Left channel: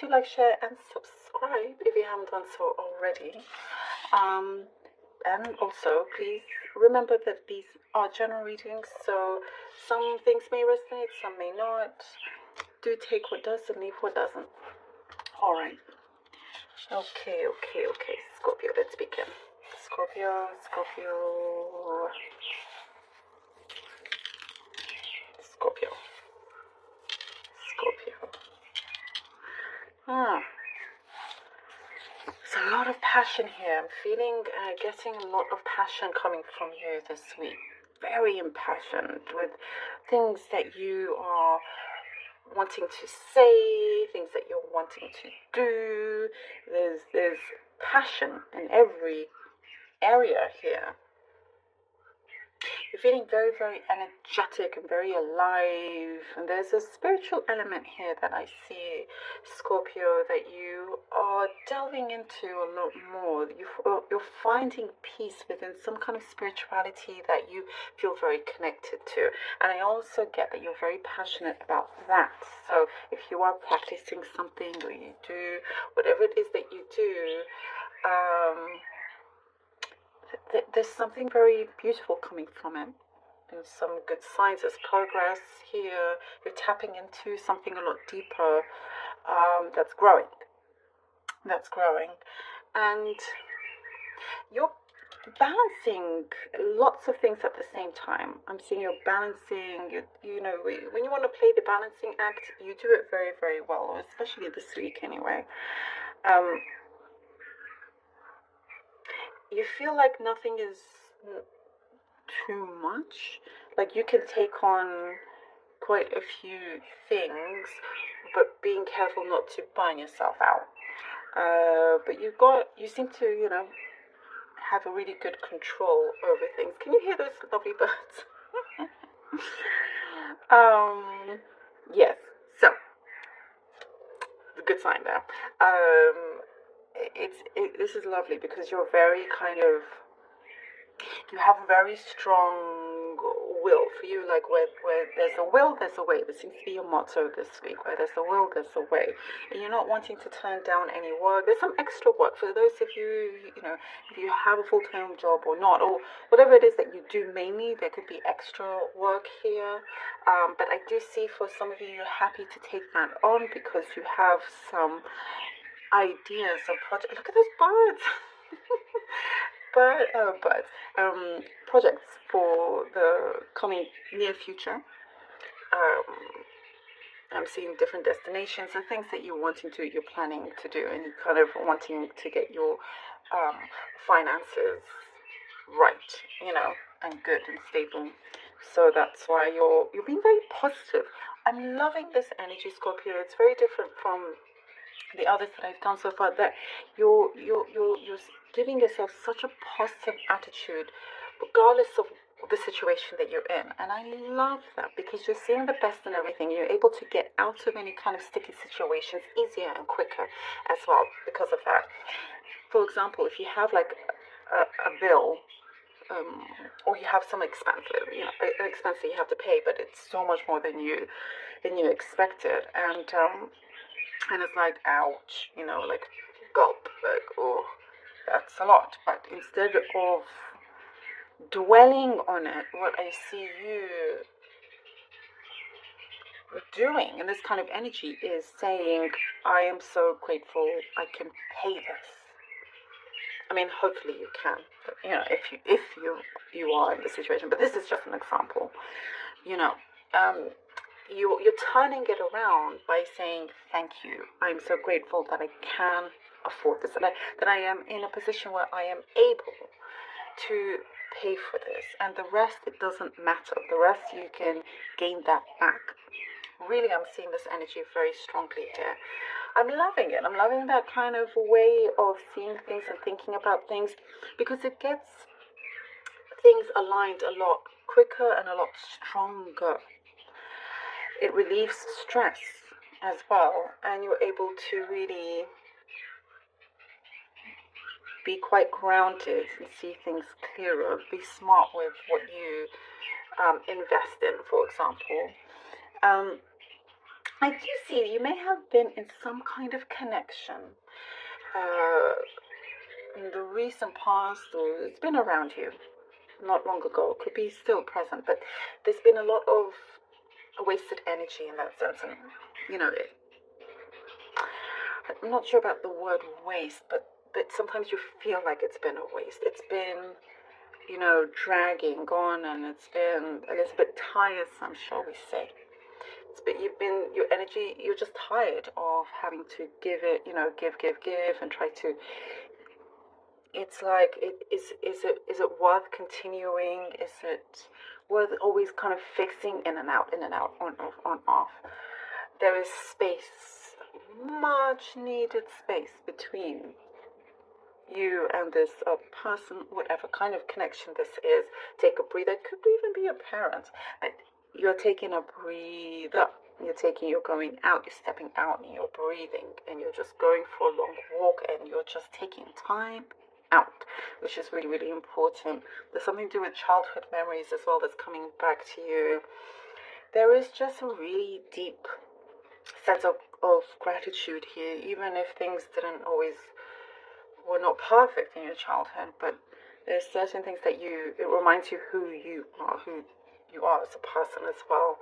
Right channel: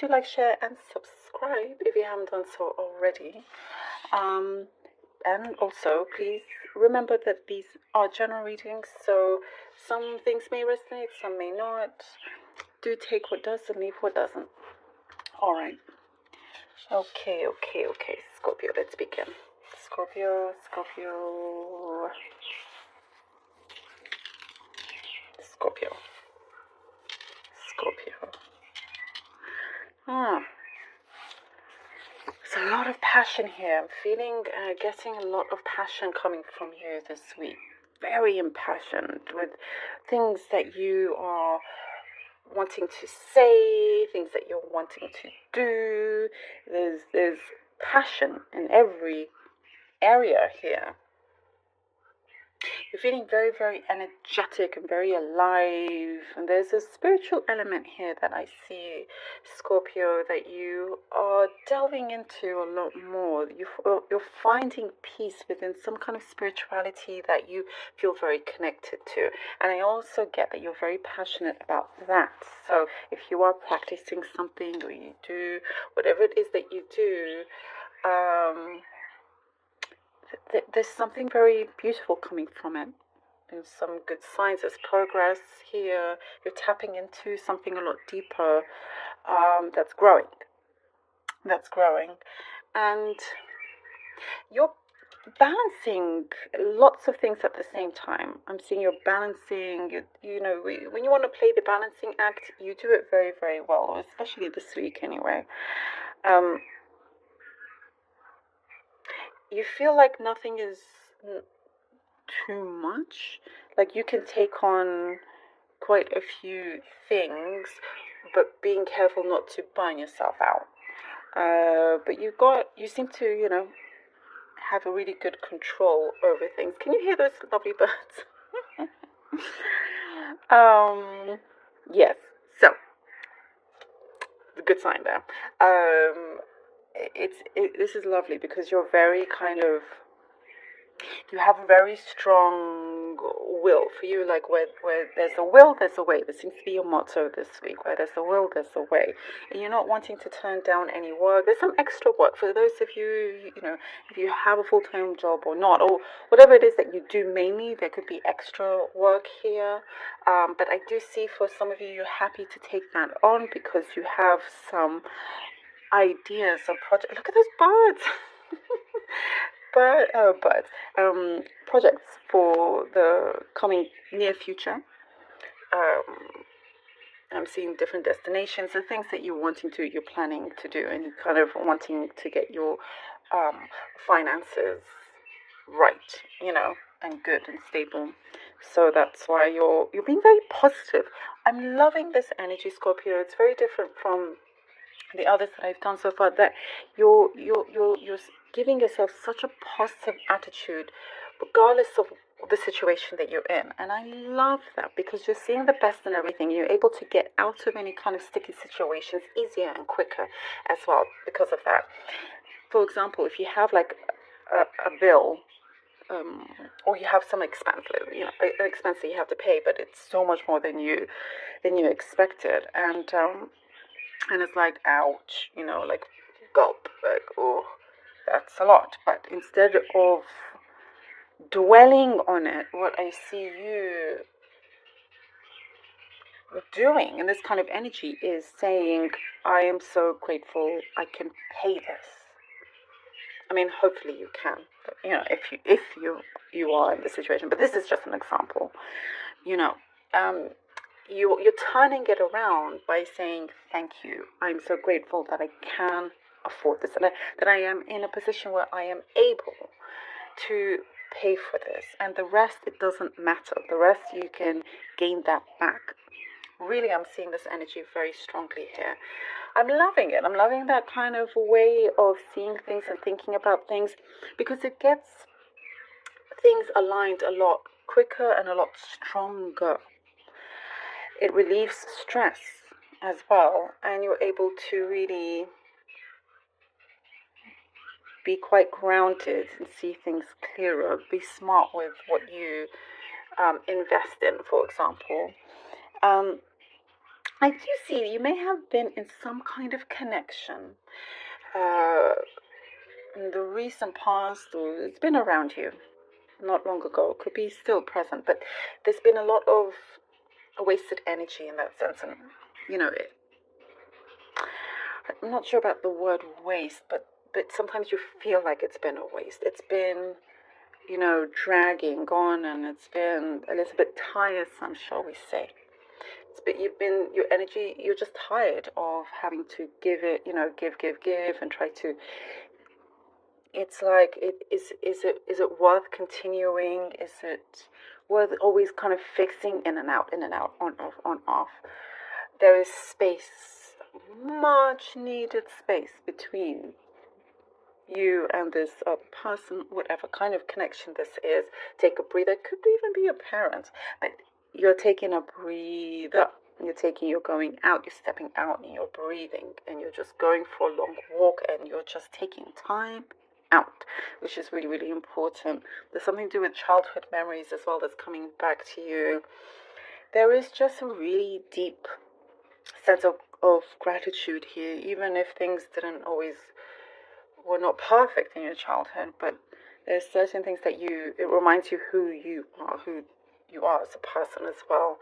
do like, share, and subscribe if you haven't done so already. And also, please remember that these are general readings, so some things may resonate, some may not. Do take what does and leave what doesn't. Alright. Okay. Scorpio, let's begin. Scorpio. There's a lot of passion here. I'm feeling, getting a lot of passion coming from you this week. Very impassioned with things that you are wanting to say, things that you're wanting to do. There's passion in every area here. You're feeling very, very energetic and very alive. And there's a spiritual element here that I see, Scorpio, that you are delving into a lot more. You're finding peace within some kind of spirituality that you feel very connected to. And I also get that you're very passionate about that. So if you are practicing something, or you do whatever it is that you do, there's something very beautiful coming from it. There's some good signs. There's progress here. You're tapping into something a lot deeper, that's growing. And you're balancing lots of things at the same time. I'm seeing you're balancing, you know, when you want to play the balancing act, you do it very, very well, especially this week anyway. You feel like nothing is too much. Like you can take on quite a few things, but being careful not to burn yourself out. But you seem to, you know, have a really good control over things. Can you hear those lovely birds? Yes. So, a good sign there. This is lovely because you're very you have a very strong will. For you, like where there's a will, there's a way. This seems to be your motto this week. Where there's a will, there's a way. And you're not wanting to turn down any work. There's some extra work for those of you, you know, if you have a full-time job or not, or whatever it is that you do mainly, there could be extra work here. But I do see for some of you, you're happy to take that on because you have some ideas of project. Look at those birds. Projects for the coming near future. I'm seeing different destinations and things that you're planning to do, and you're kind of wanting to get your finances right, you know, and good and stable. So that's why you're being very positive. I'm loving this energy, Scorpio. It's very different from the others that I've done so far, that you're giving yourself such a positive attitude regardless of the situation that you're in. And I love that because you're seeing the best in everything. You're able to get out of any kind of sticky situations easier and quicker as well because of that. For example, if you have like a bill, or you have some expense, you know, an expense that you have to pay, but it's so much more than you expected, and it's like, ouch, you know, like gulp, like, oh, that's a lot. But instead of dwelling on it, what I see you doing in this kind of energy is saying, I am so grateful I can pay this. I mean, hopefully you can, but, you know, if you are in this situation, but this is just an example, you know, you're turning it around by saying, thank you, I'm so grateful that I can afford this, and that I am in a position where I am able to pay for this, and the rest, it doesn't matter. The rest, you can gain that back. Really, I'm seeing this energy very strongly here. I'm loving it. I'm loving that kind of way of seeing things and thinking about things, because it gets things aligned a lot quicker and a lot stronger. It relieves stress as well, and you're able to really be quite grounded and see things clearer. Be smart with what you invest in, for example. I do see you may have been in some kind of connection uh, in the recent past, or it's been around you not long ago. It could be still present, but there's been a lot of wasted energy in that sense. And, you know, I'm not sure about the word waste, but sometimes you feel like it's been a waste. It's been, you know, dragging on, and it's been a little bit tiresome, shall we say. But you've been, your energy, you're just tired of having to give it, you know, give, and try to. It's like, is it worth continuing? Is it worth always kind of fixing in and out, on off, on off? There is space, much needed space between you and this person, whatever kind of connection this is. Take a breather. It could even be a parent, but you're taking a breather. You're going out, you're stepping out, and you're breathing, and you're just going for a long walk, and you're just taking time out, which is really, really important. There's something to do with childhood memories as well that's coming back to you. There is just a really deep sense of gratitude here, even if things didn't always were not perfect in your childhood, but there's certain things that it reminds you who you are as a person as well.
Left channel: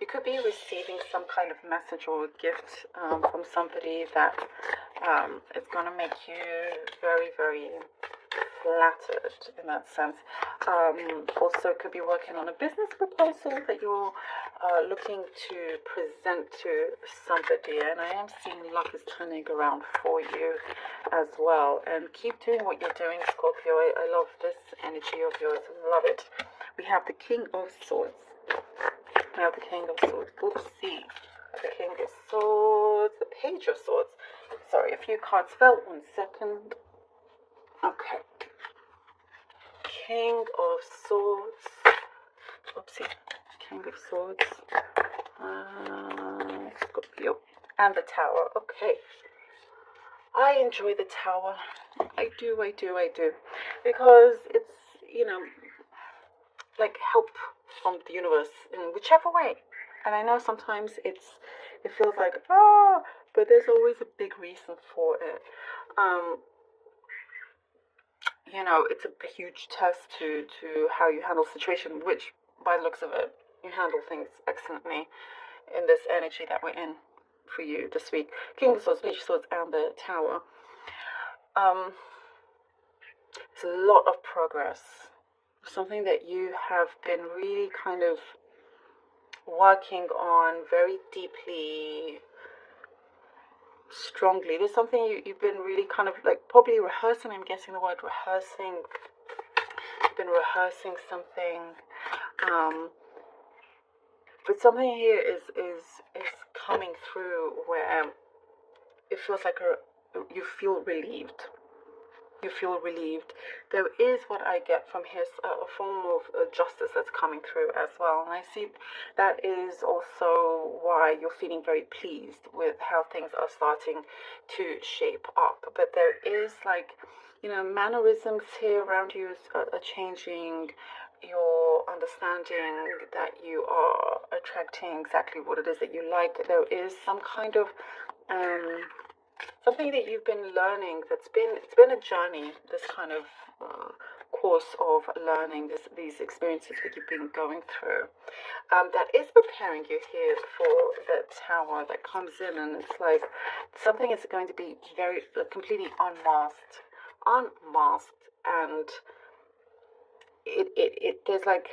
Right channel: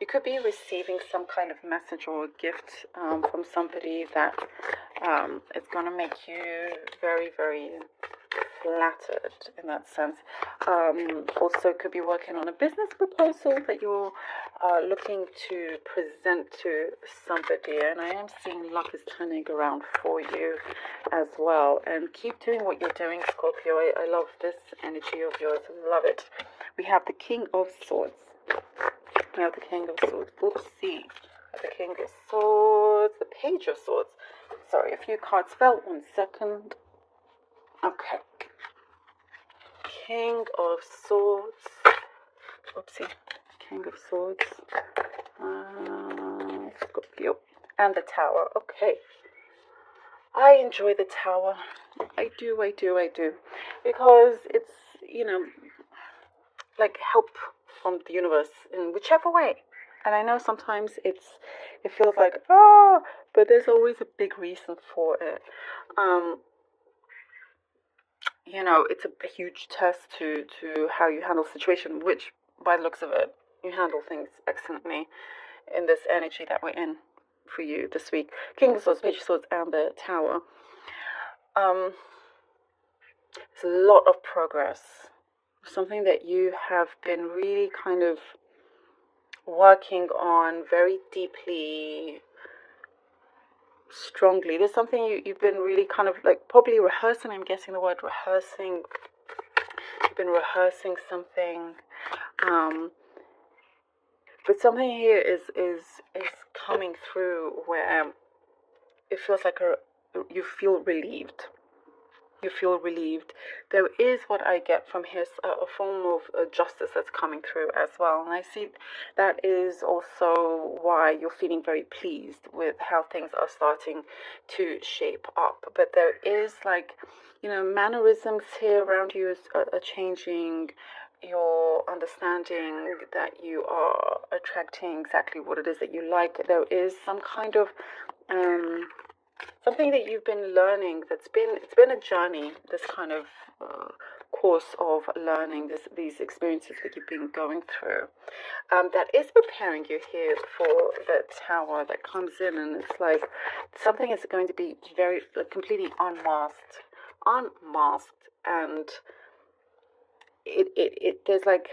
You could be receiving some kind of message or gift from somebody that is going to make you very, very flattered in that sense. Also could be working on a business proposal that you're looking to present to somebody, and I am seeing luck is turning around for you as well. And keep doing what you're doing, Scorpio. I love this energy of yours. Love it. We have the King of Swords. We have the King of Swords. Oopsie. The King of Swords. The Page of Swords. Sorry, a few cards fell. 1 second. Okay. King of Swords. Oopsie. King of Swords. Scorpio. And the Tower. Okay. I enjoy the Tower. I do. Because it's, you know, like help from the universe in whichever way. And I know sometimes it feels like, but there's always a big reason for it. You know, it's a huge test to how you handle situation, which by the looks of it, you handle things excellently in this energy that we're in for you this week. King of Swords, Page of Swords, and the Tower. It's a lot of progress. Something that you have been really kind of working on very deeply, strongly. There's something you've been really kind of like probably rehearsing. I'm guessing the word rehearsing. You've been rehearsing something. But something here is coming through where it feels like you feel relieved. You feel relieved. There is what I get from here, a form of justice that's coming through as well. And I see that is also why you're feeling very pleased with how things are starting to shape up. But there is like, you know, mannerisms here around you are changing. Your understanding that you are attracting exactly what it is that you like. There is some kind of something that you've been learning. It's been a journey. This kind of course of learning, these experiences that you've been going through. That is preparing you here for the Tower that comes in, and it's like something is going to be very completely unmasked, and it there's like,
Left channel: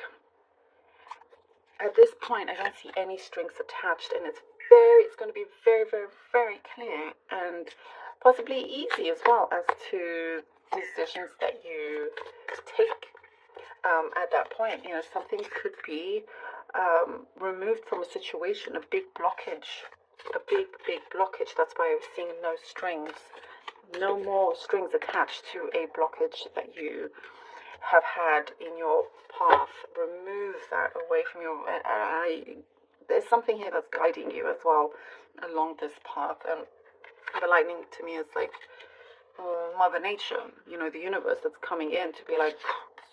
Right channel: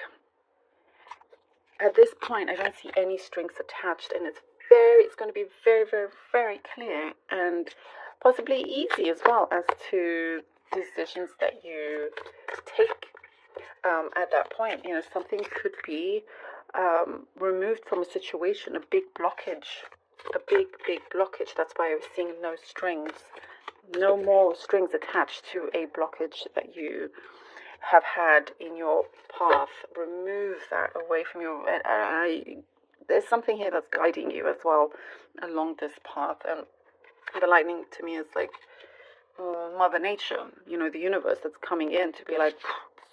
at this point I don't see any strings attached, and it's going to be very, very, very clear and possibly easy as well as to decisions that you take at that point. You know, something could be removed from a situation, a big blockage. That's why I was seeing no strings, no more strings attached to a blockage that you have had in your path. Remove that away from you. There's something here that's guiding you as well along this path. And the lightning to me is like Mother Nature, you know, the universe that's coming in to be like,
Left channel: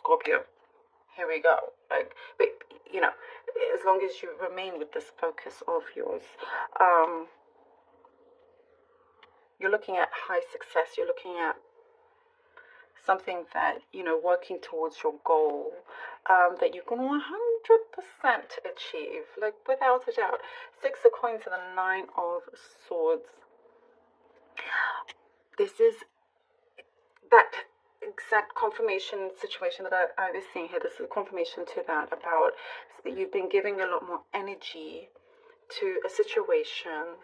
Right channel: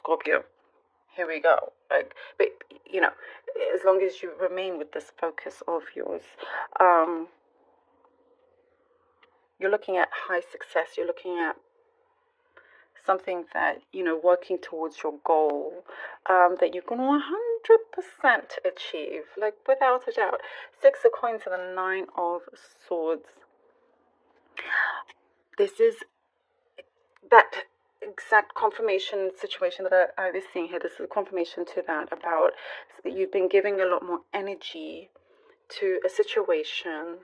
Scorpio, here we go. Like, but you know, as long as you remain with this focus of yours. You're looking at high success. You're looking at something that, working towards your goal, that you can 100% achieve, like without a doubt. 6 of coins and the 9 of swords. This is that exact confirmation situation that I was seeing here. This is a confirmation to that, about that you've been giving a lot more energy to a situation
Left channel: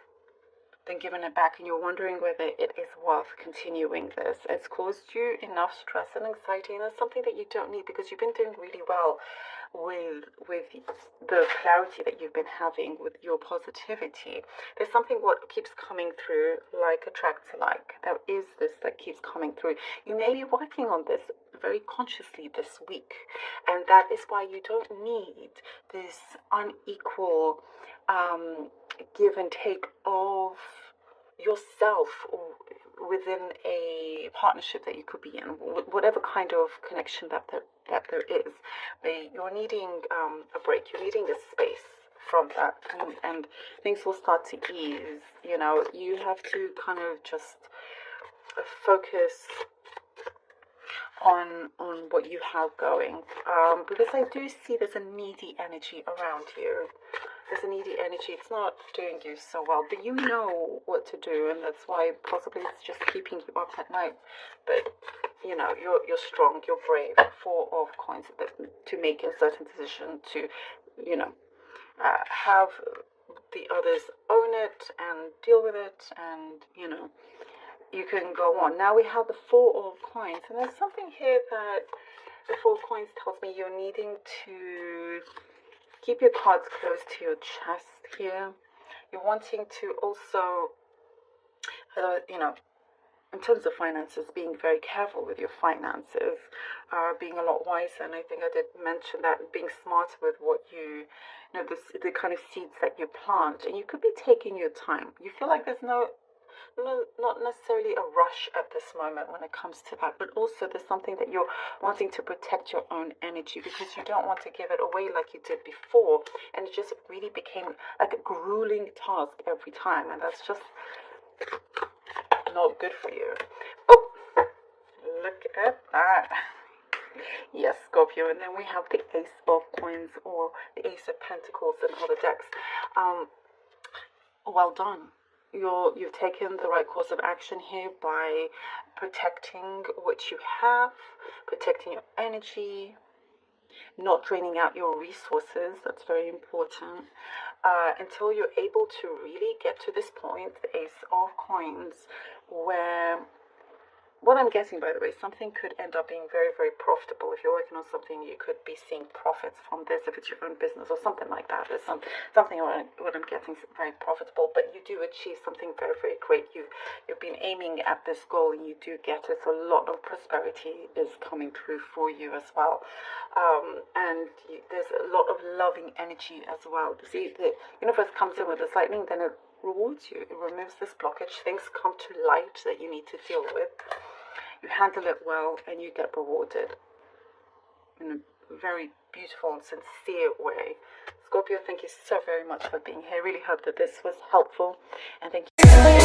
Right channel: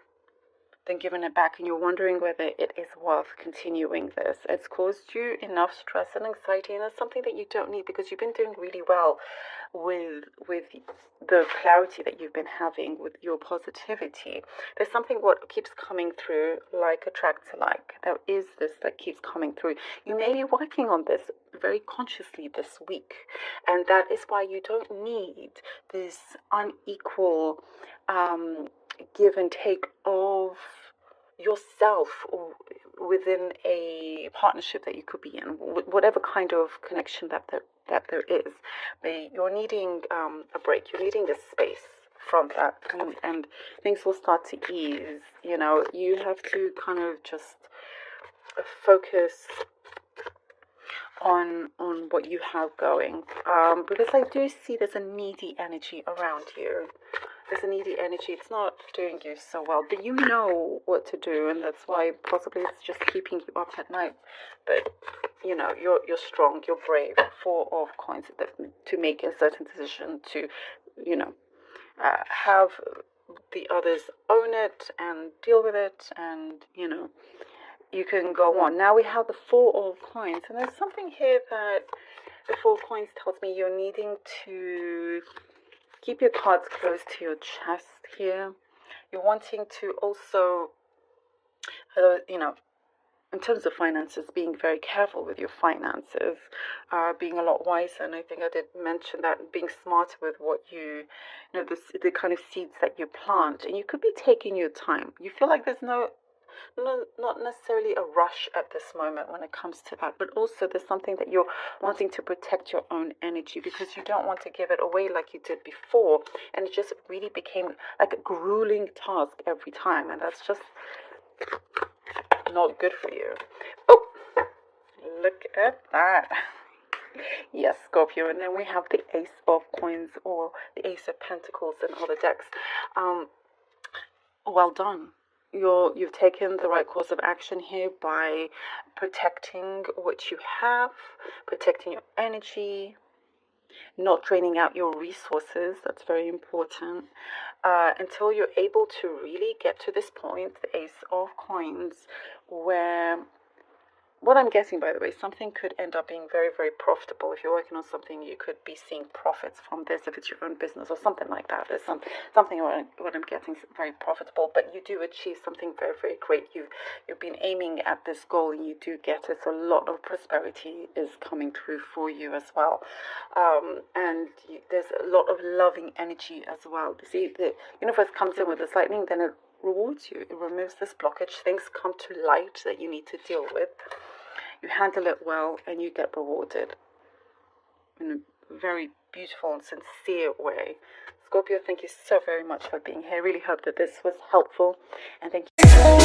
than giving it back, and you're wondering whether it is worth continuing this. It's caused you enough stress and anxiety, and it's something that you don't need, because you've been doing really well with the clarity that you've been having, with your positivity. There's something what keeps coming through, like attracts like. There is this that keeps coming through. You may be working on this very consciously this week, and that is why you don't need this unequal give and take of yourself within a partnership that you could be in, whatever kind of connection that there is. You're needing a break. You're needing a space from that, and things will start to ease. You have to kind of just focus on what you have going, because I do see there's a needy energy around you. There's a needy energy. It's not doing you so well, but you know what to do, and that's why possibly it's just keeping you up at night. But you're strong, you're brave. 4 of coins, to make a certain decision, to have the others own it and deal with it, and you can go on. Now we have the 4 of coins, and there's something here that the 4 of coins tells me you're needing to keep your cards close to your chest here. You're wanting to also, in terms of finances, being very careful with your finances, being a lot wiser. And I think I did mention that, being smarter with what the kind of seeds that you plant. And you could be taking your time. You feel like there's not necessarily a rush at this moment when it comes to that, but also there's something that you're wanting to protect your own energy, because you don't want to give it away like you did before, and it just really became like a grueling task every time, and that's just not good for you. Oh, look at that. Yes, Scorpio. And then we have the Ace of Coins, or the Ace of Pentacles in other decks. Well done. You've taken the right course of action here by protecting what you have, protecting your energy, not draining out your resources. That's very important. Until you're able to really get to this point, the Ace of Coins, where, what I'm guessing, by the way, something could end up being very, very profitable. If you're working on something, you could be seeing profits from this, if it's your own business or something like that. There's something what I'm getting very profitable, but you do achieve something very, very great. You've been aiming at this goal, and you do get it. So a lot of prosperity is coming through for you as well. There's a lot of loving energy as well. See, the universe comes in with this lightning, then it rewards you. It removes this blockage. Things come to light that you need to deal with. You handle it well, and you get rewarded in a very beautiful and sincere way. Scorpio, thank you so very much for being here. I really hope that this was helpful, and thank you.